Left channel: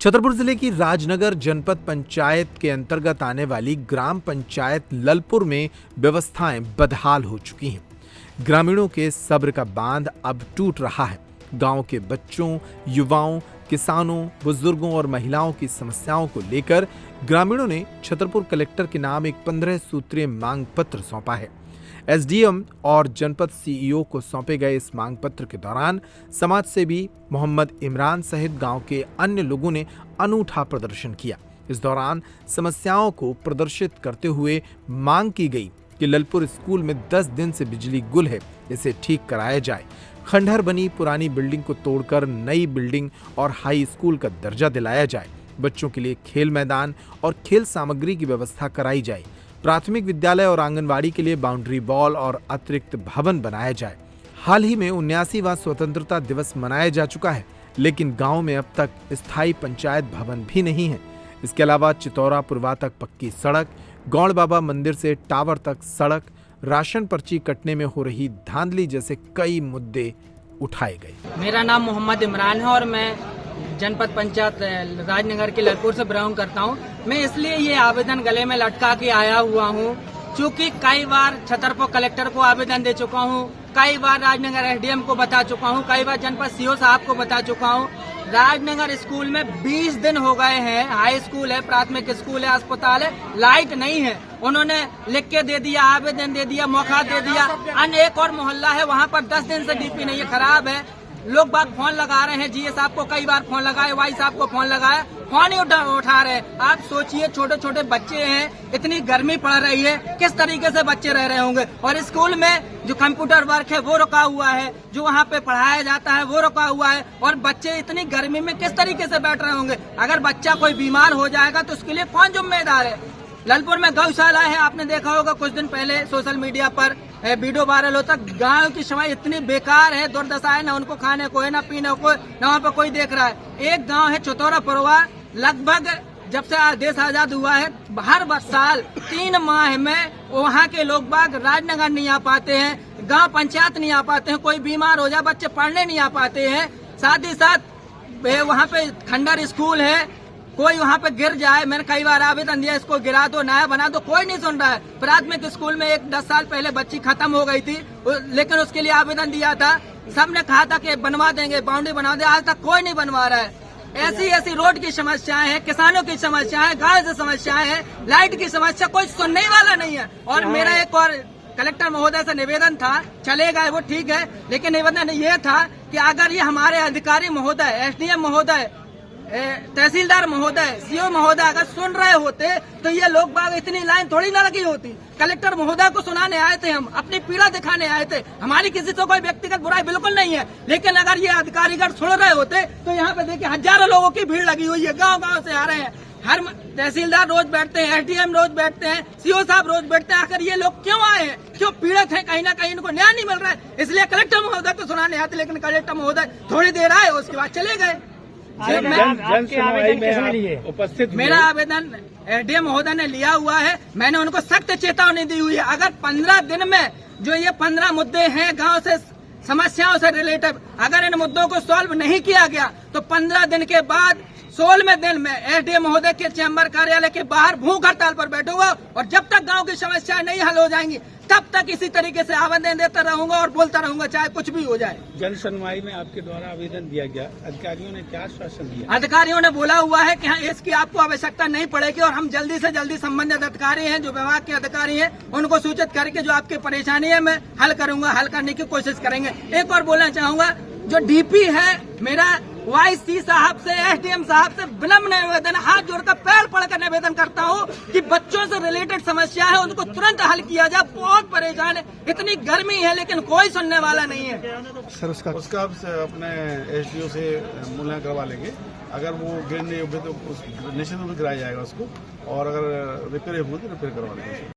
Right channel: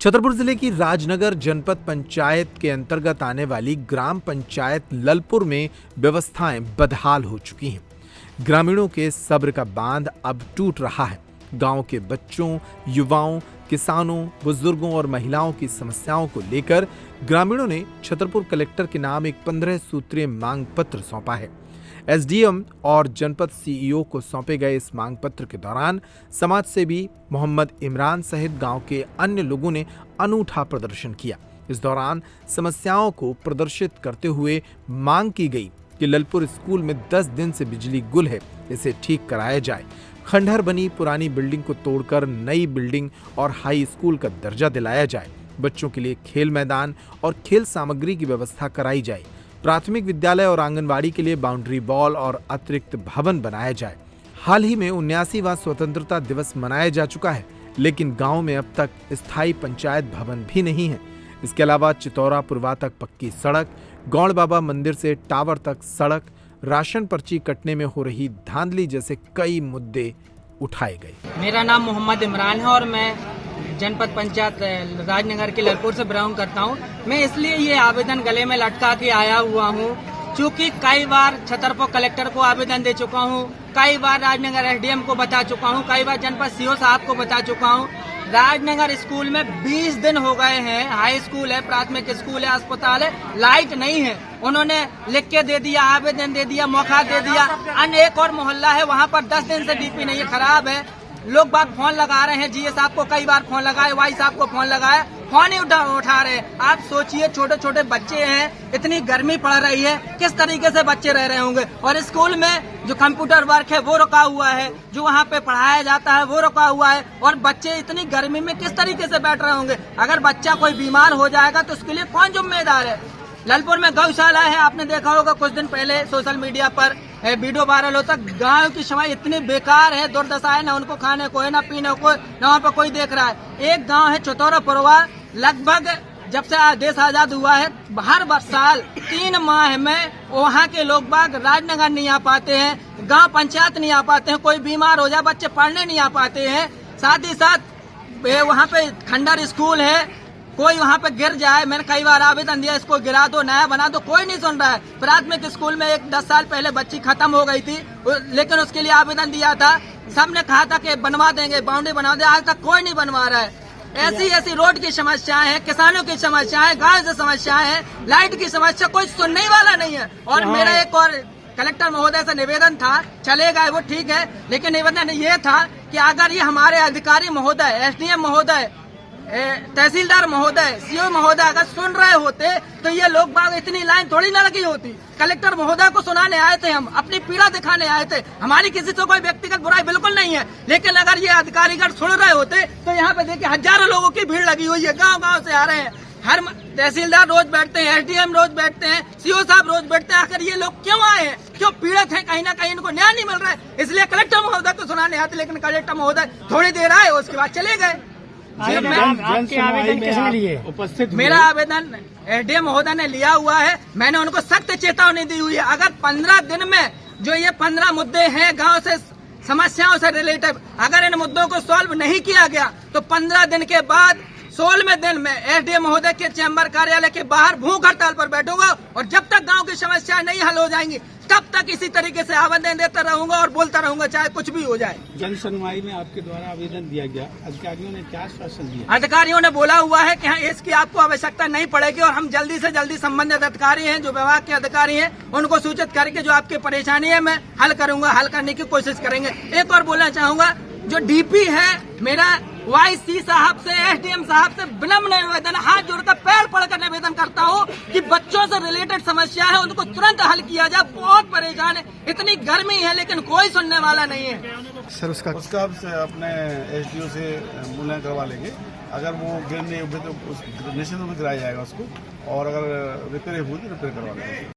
छतरपुर जिले की राजनगर जनपद पंचायत के अंतर्गत आने वाली ग्राम पंचायत ललपुर में व्यवस्थाएं बदहाल हो चुकी हैं। ग्रामीणों के सब्र का बांध अब टूट रहा है। गांव के बच्चों, युवाओं, किसानों, बुजुर्गों और महिलाओं की समस्याओं को लेकर ग्रामीणों ने छतरपुर कलेक्टर के नाम एक 15 सूत्रीय मांग पत्र सौंपा है। एसडीएम और जनपद सीईओ को सौंपे गए इस मांग पत्र के दौरान समाज सेवी मोहम्मद इमरान सहित गांव के अन्य लोगों ने अनूठा प्रदर्शन किया। इस दौरान समस्याओं को प्रदर्शित करते हुए मांग की गई कि ललपुर स्कूल में 10 दिन से बिजली गुल है, इसे ठीक कराया जाए। खंडहर बनी पुरानी बिल्डिंग को तोड़कर नई बिल्डिंग और हाई स्कूल का दर्जा दिलाया जाए। बच्चों के लिए खेल मैदान और खेल सामग्री की व्यवस्था कराई जाए। प्राथमिक विद्यालय और आंगनवाड़ी के लिए बाउंड्री वॉल और अतिरिक्त भवन बनाया जाए। हाल ही में 79वां स्वतंत्रता दिवस मनाया जा चुका है, लेकिन गांव में अब तक स्थायी पंचायत भवन भी नहीं है। इसके अलावा चितौरा पुरवा तक पक्की सड़क, गौड़ बाबा मंदिर से टावर तक सड़क, राशन पर्ची कटने में हो रही धांधली जैसे कई मुद्दे उठाए गए। मेरा नाम मोहम्मद इमरान है और मैं जनपद पंचायत राजनगर के ललपुर से बिलोंग करता हूँ। मैं इसलिए ये आवेदन गले में लटका के आया हुआ हूँ क्योंकि कई बार छतरपुर कलेक्टर को आवेदन दे चुका हूँ, कई बार राजनगर एसडीएम को बता चुका हूँ, कई बार जनपद सीओ साहब को बता चुका हूँ। राजनगर स्कूल में 20 दिन हो गए हैं, हाई स्कूल है, प्राथमिक स्कूल है, अस्पताल है, लाइट नहीं है। उन्होंने लिख के दे दिया, आवेदन दे दिया, मौका दे दिया। अन्य एक और मोहल्ला है, वहाँ पर 10 दिन से डीपी नहीं है, खराब है। लोग बात फोन लगा रहे हैं, जीए साहब को कई बार फोन लगाए, वाई साहब को फोन लगाया, फोन ही उठा रहे हैं। आप सोचिए, छोटे छोटे बच्चे हैं, इतनी गर्मी पड़ रही है, किस तरीके से बच्चे रह रहे होंगे। और स्कूल में जो कंप्यूटर वर्क है वो रुका हुआ है, जो वहाँ पे पढ़ाया जाता है वो रुका हुआ है, और बच्चे इतनी गर्मी में किस तरीके से बैठ रहे होंगे। अगर बच्चा कोई बीमार हो जाएगा तो उसके लिए कौन जिम्मेदार है। ललपुर में गौशाला है, आपने देखा होगा कुछ दिन पहले सोशल मीडिया पर वीडियो वायरल होता। गांव की समाज इतनी बेकार है, दुर्दशा है, न उनको खाने को है, न पीने को, न वहाँ पर कोई देख रहा है। एक गांव है चितौरा पुरवा, लगभग जब से देश आजाद हुआ है हर साल 3 माह में वहाँ के लोग बाग राजनगर नहीं आ पाते हैं, गांव पंचायत नहीं आ पाते हैं। कोई बीमार हो जाए, बच्चे पढ़ने नहीं आ पाते हैं। साथ ही साथ वहाँ पे खंडहर स्कूल है, कोई वहाँ पे गिर जाए, मैंने कई बार आवेदन दिया, इसको गिरा दो, नया बना दो, कोई नहीं सुन रहा है। प्राथमिक स्कूल में एक 10 साल पहले बच्ची खत्म हो गई थी, लेकिन उसके लिए आवेदन दिया था, सबने कहा था कि बनवा देंगे, बाउंड्री बना दे, आज तक कोई नहीं बनवा रहा है। ऐसी रोड की समस्याएं हैं, किसानों की समस्याएं, गाँव से समस्याएं हैं, लाइट की समस्या, कोई सुनने वाला नहीं है। और मेरा एक और कलेक्टर महोदय से निवेदन था, चले गए वो ठीक है, लेकिन निवेदन ये था कि अगर ये हमारे अधिकारी महोदय, एसडीएम महोदय, तहसीलदार महोदय, सीओ महोदय अगर सुन रहे होते तो ये लोग बाग इतनी लाइन थोड़ी न लगी होती। कलेक्टर महोदय को सुनाने आए थे, हम अपनी पीड़ा दिखाने आए थे, हमारी किसी से कोई व्यक्तिगत बुराई बिल्कुल नहीं है। लेकिन अगर ये अधिकारीगण सुन रहे होते तो यहाँ पे देखिए हजारों लोगों की भीड़ लगी हुई है, गाँव से आ रहे हैं। हर तहसीलदार रोज बैठते हैं, एसडीएम रोज बैठते हैं, सीओ साहब रोज बैठते हैं। आखिर ये लोग क्यों आए हैं, क्यों पीड़ित हैं, कहीं ना कहीं इनको न्याय नहीं मिल रहा है, इसलिए कलेक्टर महोदय को सुनाने आते। लेकिन कलेक्टर महोदय थोड़ी देर आए, उसके बाद चले गए। उपस्थित मेरा आवेदन एसडीएम महोदय ने लिया हुआ है, मैंने उनको सख्त चेतावनी दी हुई है। अगर 15 दिन में जो ये 15 मुद्दे हैं गांव से समस्याओं से रिलेटेड, अगर इन मुद्दों को सॉल्व नहीं किया गया तो 15 दिन के बाद 16वें दिन में एसडीएम महोदय के चैम्बर कार्यालय के बाहर भूख हड़ताल पर बैठूंगा। और जब तक गांव की समस्याएं नहीं हल हो जाएंगी तब तक इसी तरीके से आवेदन देता रहूंगा और बोलता रहूंगा, चाहे कुछ भी हो जाए। जन सुनवाई में आपके द्वारा आवेदन दिया गया, अधिकारियों ने क्या आश्वासन दिया? अधिकारियों ने बोला हुआ है कि हाँ, इसकी आपको आवश्यकता नहीं पड़ेगी और हम जल्दी से जल्दी संबंधित अधिकारी हैं, जो विभाग के अधिकारी हैं, उनको सूचित करके जो आपकी परेशानी है मैं हल करूंगा, हल करने की कोशिश करेंगे। एक और बोलना चाहूंगा, जो डीपी है, मेरा वाईसी साहब से, एसडीएम साहब से विनम्र निवेदन, हाथ जोड़कर पैर पड़कर निवेदन करता हूं कि बच्चों से रिलेटेड समस्या है उनको तुरंत हल किया जाए। बहुत परेशान है, इतनी गर्मी है, लेकिन कोई सुनने वाला नहीं है। सर उसका अपने एसडीओ से मूल्यांकन करवा लेंगे। अगर वो गिरने तो निश्चित रूप से गिराया जाएगा उसको, और अगर रिपेयर हुई तो रिपेयर करवा लेंगे।